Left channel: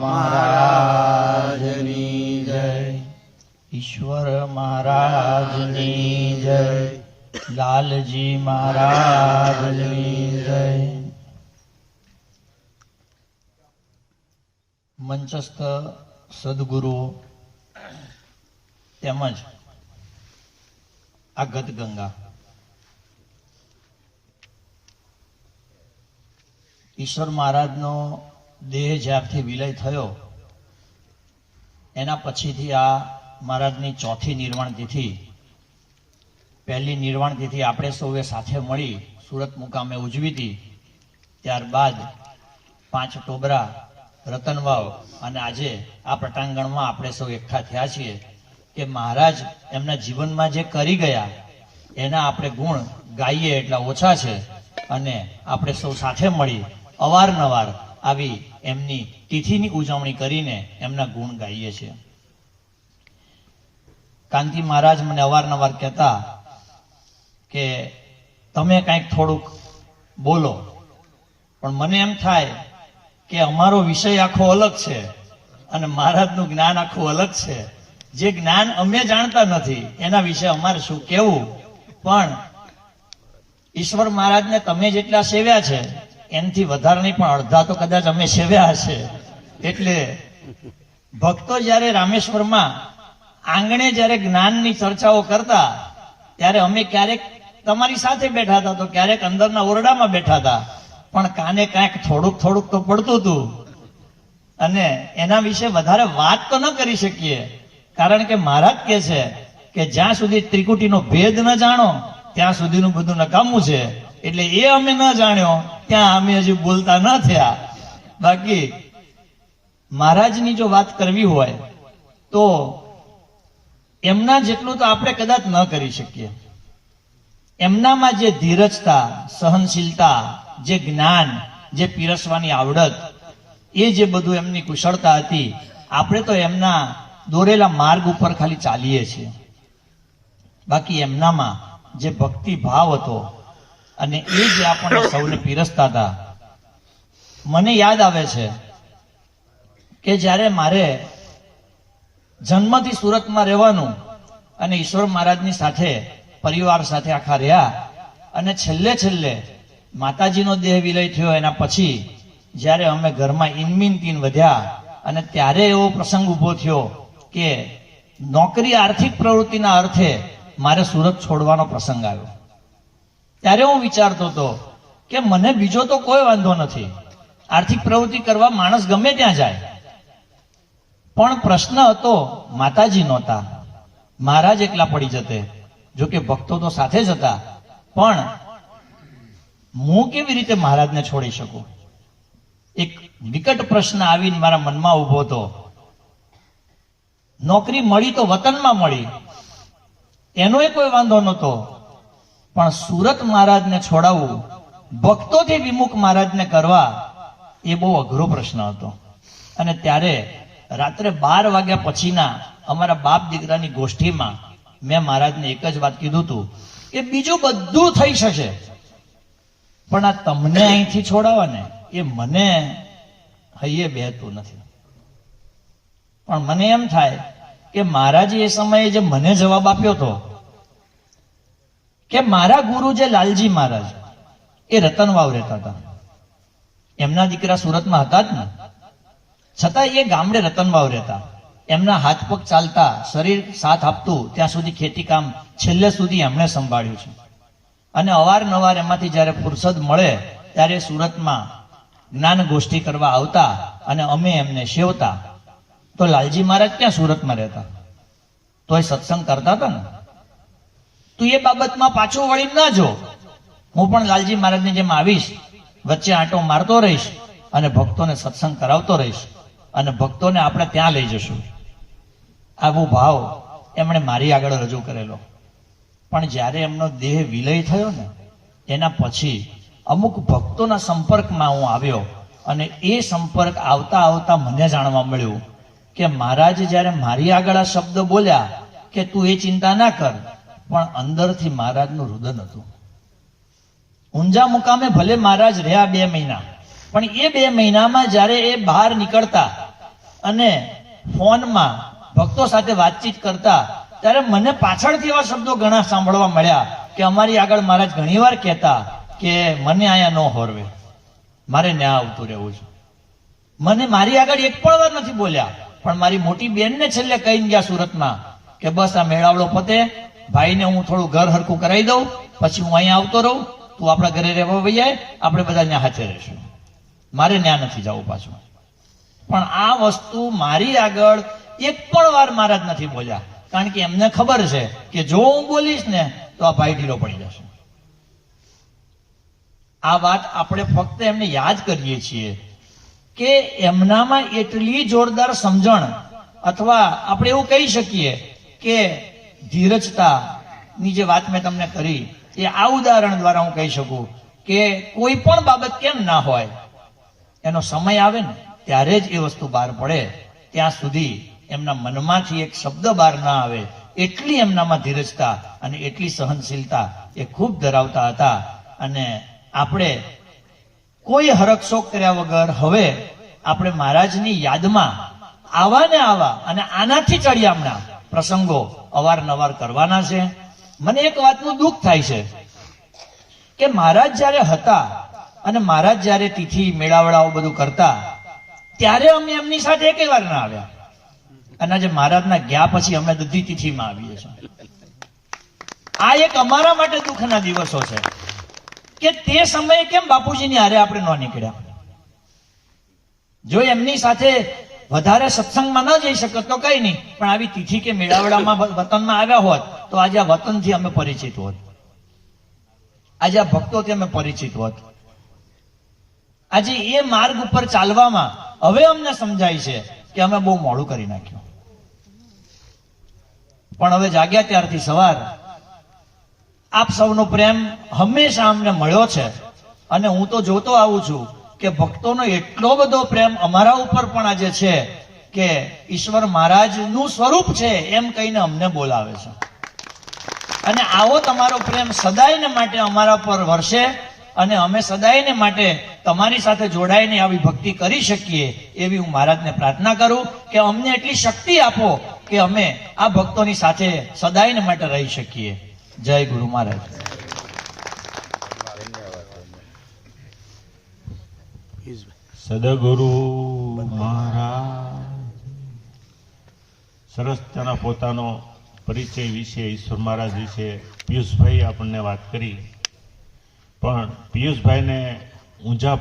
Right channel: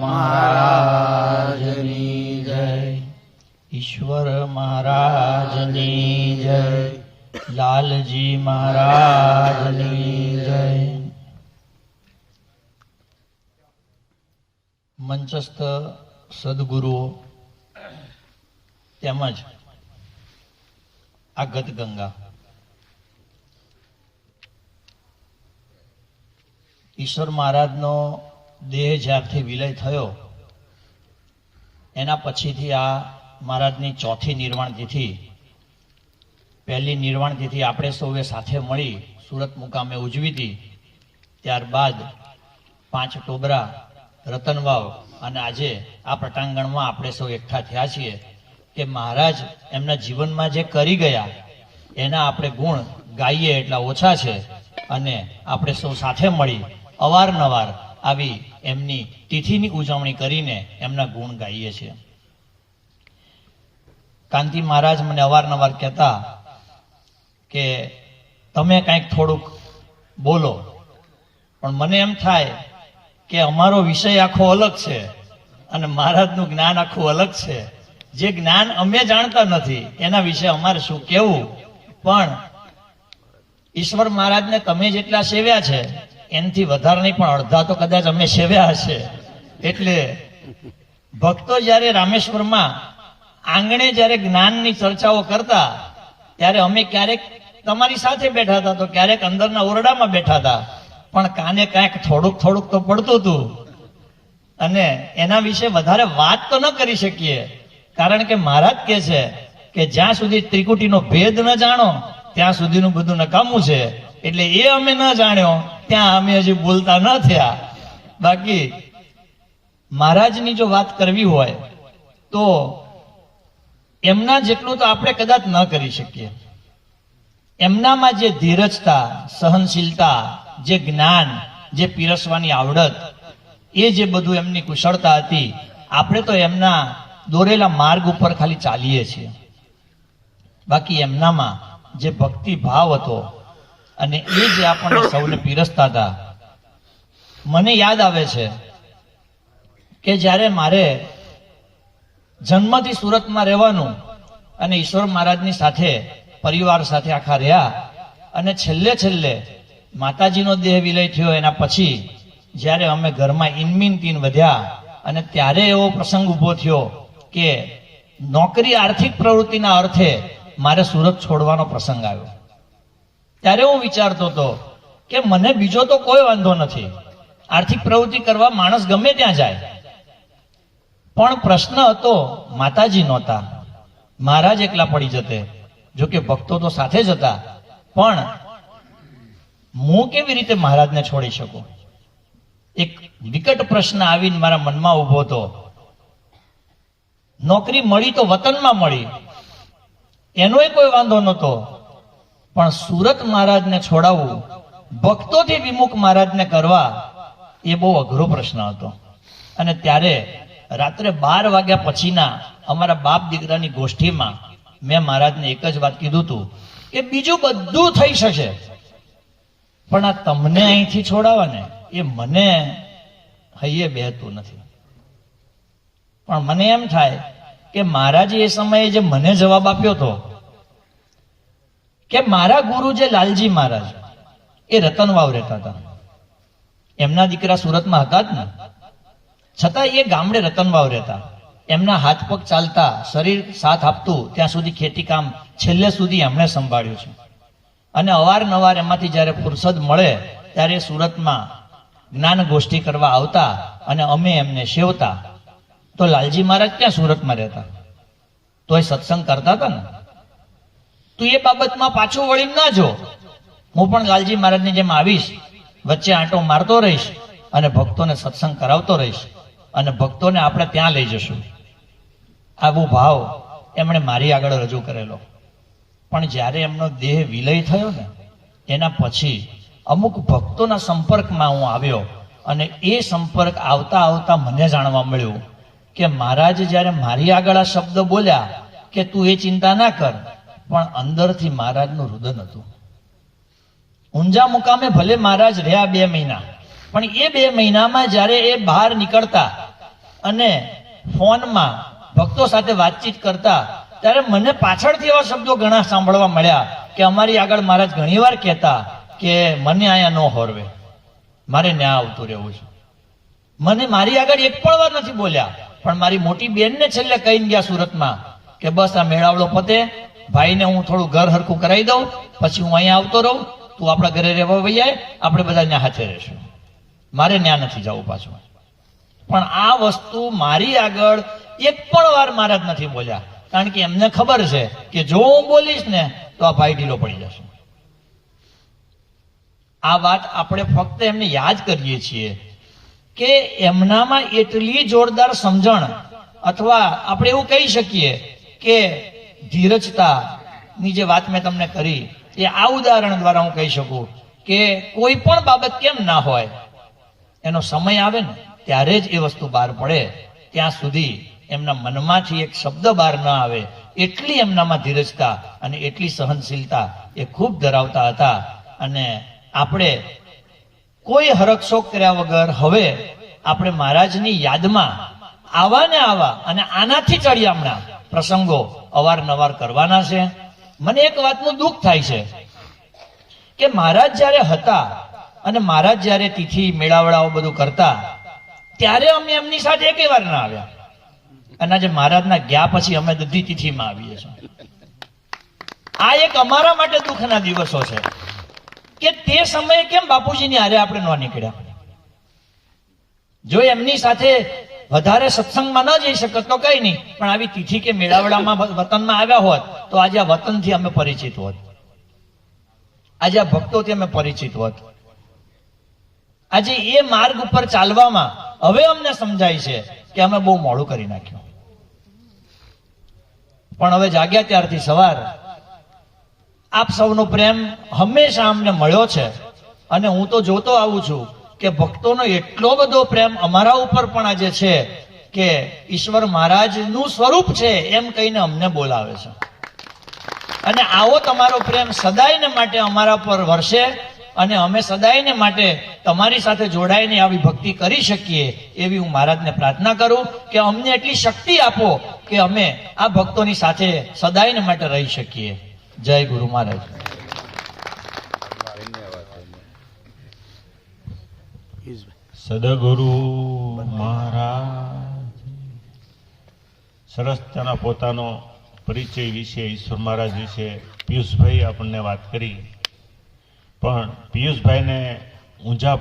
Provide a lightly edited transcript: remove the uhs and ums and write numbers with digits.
મહારાજની જય. ઈશ્વર મહારાજની જય. લાલજી મહારાજની જય. મંચસ્થ સદગુરુઓ તેમજ આ ગતગંગા ઈશ્વર મહારાજનો દેહ જ્યારથી વિલય થયો એના પછીથી આ મહારાજની ચોથી નિર્વાણ તિથિ, પહેલી નિર્વાણ તિથિ આપણે સૌએ સાથે મળી સુરત મુકામે ઉજવી હતી. ત્યારબાદ 5 ટોબરા, રતનવાવ અને આજે આ પટાંગણમાં આપણે સૌ એકઠા થયા છીએ કે મહારાજ એમના જીવનમાં જે કરી ગયા એના આપણે ગુણ ગાઈએ એટલા ઓછા છે અને આપણે સૌ સાથે મળી અવારનવાર આવી એમની તિથિની ઉજવણી કરીને એમના ગુણ ગાઈએ છીએ. કાંતિ મહારાજ મને અવારનવાર કહેતા કે તમે કંઈક થોડુંક બોલો, પણ મને એમ થાય કે અમારો વિષય આખો અલગ છે અને મહારાજનું જ્ઞાન આખું અલગ છે. જે જ્ઞાન અમે જાણતા નથી એના વિશે અમારે શું કહેવું, પણ ઈશ્વર મહારાજને તમે જેટલા સેવ્યા છે એનાથી વધારે નહીં પણ અડધા તો કદાચ અમે સેવ્યા હશે. એટલે ભક્તો જ્યારે રામેશ્વરમાં આંગણે જ્યારે જ્ઞાનની ચર્ચાઓ કરતા ત્યારે અમે ક્યારેક તમારી સાથે બેઠા હતા તો ક્યારેક અંદરના ઓરડામાં બેઠા હતા, પણ કાને કાંઈક થોડુંક તો પડતું હતું અને એના વિશે વધારે વાત તો ન કરી શકીએ. કારણ કે મહારાજ કહે છે કે જ્યાં સુધી ત્રિકુટીનો ભેદ ન જાણો ત્યાં સુધીનું બધું નકામું છે. એટલે એ અમે ન જાણ્યો ત્યાં અમે હજી બોલતા ન થયા. બાકી મહારાજની જો વાત કરવી હોય તો એમના જેટલું તો આપણે કદાચ ન કરી શકીએ. એમનામાં જે ધીરજતા, સહનશીલતા, જે જ્ઞાન, જે પીરસવાની આવડત, એ જે બધું એમની કુશળતા હતી, આપણે તો એમના દોરેલા માર્ગ ઉપર ખાલી ચાલીએ છીએ. બાકી એમનામાં જે ભક્તિ ભાવ હતો અને એ જે આપણને સૌને પીરસતા હતા. મને યાદ આવે છે કે જ્યારે મારે જન્મથી સુરતમાં રહેવાનું અને ઈશ્વર મહારાજની સાથે પરિવાર સાથે આખા રહ્યા અને છેલ્લે માતાજીનો દેહ વિલય થયો એના પછી જ્યારે અમે ઘરમાં ઇનમીન વધ્યા અને ત્યારે એવો પ્રસંગ ઉભો થયો કે નોકરી આર્થિક પ્રવૃત્તિના અર્થે મારે સુરત છોડવાનો પ્રસંગ આવ્યો. ત્યારે હું વિચારતો હતો કે મને બીજો તો કોઈ વાંધો નથી, આર્થિક પ્રવૃત્તિ કરવા માણસ ગમે ત્યાં જાય, પણ પ્રશ્ન હતો માતાજી નહોતા, મહારાજ એકલા પડી જતે. જોકે ભક્તો તો સાથે જ હતા, પણ હું કેવી રીતે મહારાજને છોડી શકું? એક વિકટ પ્રશ્ન આવીને મારા મનમાં ઉભો હતો. નોકરી મળી તો વતનમાં મળી, એનોય કોઈ વાંધો નહોતો, પણ સુરત મહારાજને છોડાવવું, ભક્તોથી વિમુખ મહારાજને કરવા, એ બહુ અઘરો પ્રશ્ન હતો. અને ત્યારે રાત્રે 12 વાગ્યા પછીના અમારા બાપ દીકરાની ગોષ્ઠીમાં મેં મહારાજને એક જ વાત કીધું હતું કે બીજું બધું થઈ શકે, પણ આ તમને અહીંથી છોડાવવા ને એ મને હૈયે બેહતું નથી. પણ મને એમ થાય કે મહારાજે એ સમયે જે મને જવાબ આપ્યો હતો કે મારા ગુરુ જે લાલજી મહારાજ એ રતનવાવ રહેતા હતા, એમના દીકરા સુરતમાં હતા જ ને, છતાં એ ગામડે રતનવાવ રહેતા. એમના હાથ પગ ચાલતા, શરીર સાથ આપતું ત્યાં સુધી ખેતી કામ છેલ્લે સુધી એમણે સંભાળ્યું છે. અને અવારનવાર એમાંથી જ્યારે ફુરસદ મળે ત્યારે સુરતમાં જ્ઞાન ગોષ્ઠી કરવા આવતા અને અમે એમને સેવતા. તો લાલજી મહારાજ ક્યાં સુરતમાં રહેતા, તો એ સત્સંગ કરતા હતા ને. તું એ બાબતમાં પાછું વળી ના જો, હું પણ લાલજી મહારાજની જેમ આવીશ, વચ્ચે આંટો મારતો રહીશ અને ભક્તોને સત્સંગ કરાવતો રહીશ અને ભક્તોને આપણે ત્યાં લઈ જશું. આવો ભાવ એમણે મારી આગળ રજૂ કરેલો. પણ જ્યારે એમનો દેહ વિલય થયો ને એના પછી અમુક ભક્તોના સંપર્કમાં હું આવ્યો અને એ સંપર્ક આવતા આવતા મને જાણવા મળ્યું કે મહારાજ જ્યારે મારી આગળ આ શબ્દ બોલ્યા કે તું એ ચિંતા ના કર, પણ અંદરથી મહારાજનું રુદન હતું. ઊંઝા મુકામે ભલે મહારાજ રહ્યા 2 મહિના, પણ એ 2 મહિનામાં જ્યારે એ બહાર નીકળતા અને ફોનમાં ભક્તો સાથે વાતચીત કરતા, ત્યારે મને પાછળથી એવા શબ્દો ઘણા સાંભળવા મળ્યા કે અમારી આગળ મહારાજ ઘણીવાર કહેતા કે મને અહીંયા ન હોરવે, મારે ન્યા આવતું રહેવું છે. મને મારી આગળ એક પણ વાર નથી બોલ્યા, પણ મારી મોટી બેનને છેલ્લે કહીને ગયા સુરતમાં કે બસ આ મેળાવડો પતે, ભાઈને હું થોડું ઘર હરખું કરાવી દઉં, પછી હું અહીંયા આવતો રહું, તું આપણા ઘરે રહેવા વહી જાય, આપણે બધા ત્યાં હાથે રહીશું, મારે ત્યાં નથી જવું પાછું. પણ આ વસ્તુ મારી આગળ એક પણ વાર મહારાજ નથી બોલ્યા, કારણ કે એમને ખબર છે કે જો હું બોલીશ ને તો આ ભાઈ ઢીલો પડી જશે. આ વાત આપણે ફક્ત એમને યાદ કરીએ છીએ કે એમનામાં એટલી જોરદાર સમજણ, અથવા આપણે એવું કહી શકીએ કે ધીરજતાની જે વાત મેં તમને કરી, એ આ ઉદાહરણ દ્વારા હું કહી શકું કે કોઈ પણ બાબત કેમ ના હોય, એનો સમય આવે ને ત્યારે જ એ વસ્તુ બહાર પડે. ત્યાં સુધી એમના મનમાંથી એક શબ્દ બહાર ના આવે, એટલી એમનામાં ધીરજતા અને એટલી સહનશીલતા એ ખૂબ ધરાવતા હતા. અને આપણે કોઈ હરકશોક કર્યા વગર હવે આપણે મહારાજની યાદમાં આવા ને આવા અને આનાથી ચડિયામણા પ્રસંગો અવારનવાર કરવાના છે. મને એક વાતનું દુઃખ થાય છે કે મહારાજ જ્યારે હતા અને મહારાજ જ્યારે તિથિ મેળાવડાઓ બધું કરતા, ત્યારે અમે એમની સાથે એકેય વાર ના આવ્યા, અને આજે મહારાજના ગયા પછી અમે બધી તિથિમાં આવીએ છીએ. આ એક અમારા માટે દુઃખના દિવસો છે કે તે સમયે કેમ બાપુજીની હારે આપણે ન નીકળ્યા. જો એમની સાથે વધારે સત્સંગમાં ન જઈ શકત તો કઈ નહીં, પણ આવી તિથિ કે મેળાવડામાં વતનમાં આવ્યા હોત તો આજે આ વતનથી અમે પરિચિત હોત, આજે આ ભક્તોથી અમે પરિચિત હોત. આજે એ માર્ગ ઉપર ચાલવામાં હવે અમને સમજાય છે કે અમે બહુ મોડું કરી નાખ્યું. પણ હવે જાગ્યા ત્યારથી સવાર આપ સૌનો પ્રેમ હંમેશા અમને મળ્યો છે, અને હું તો જોતો આવું છું કે ભક્તોનો એટલો બધો પ્રેમ અમારા ઉપર પણ આજે છે કે ઈશ્વર મહારાજનું સ્વરૂપ છે એમ કહીને અમને બોલાવે છે. અને આવો તમારો પ્રેમ સદાયને માટે અમારા પર વરસે, અને અમે સદાયને માટે તમારી સાથે જોડાઈને આવી ભક્તિ કરી શકીએ એવી હું મહારાજને પ્રાર્થના કરું કે અમને એટલી શક્તિ આપો કે અમે આ ભક્તોની સાથે સદાયને માટે રહી શકીએ. જય ગુરુ મહારાજ. સદગુરુ મહારાજ સરસ તેના પોતાનો પરિચય વિશે, ઈશ્વર મહારાજ વિશે પિયુષભાઈ આપણને વાત કરી, પણ પિયુષભાઈને ઊંઝા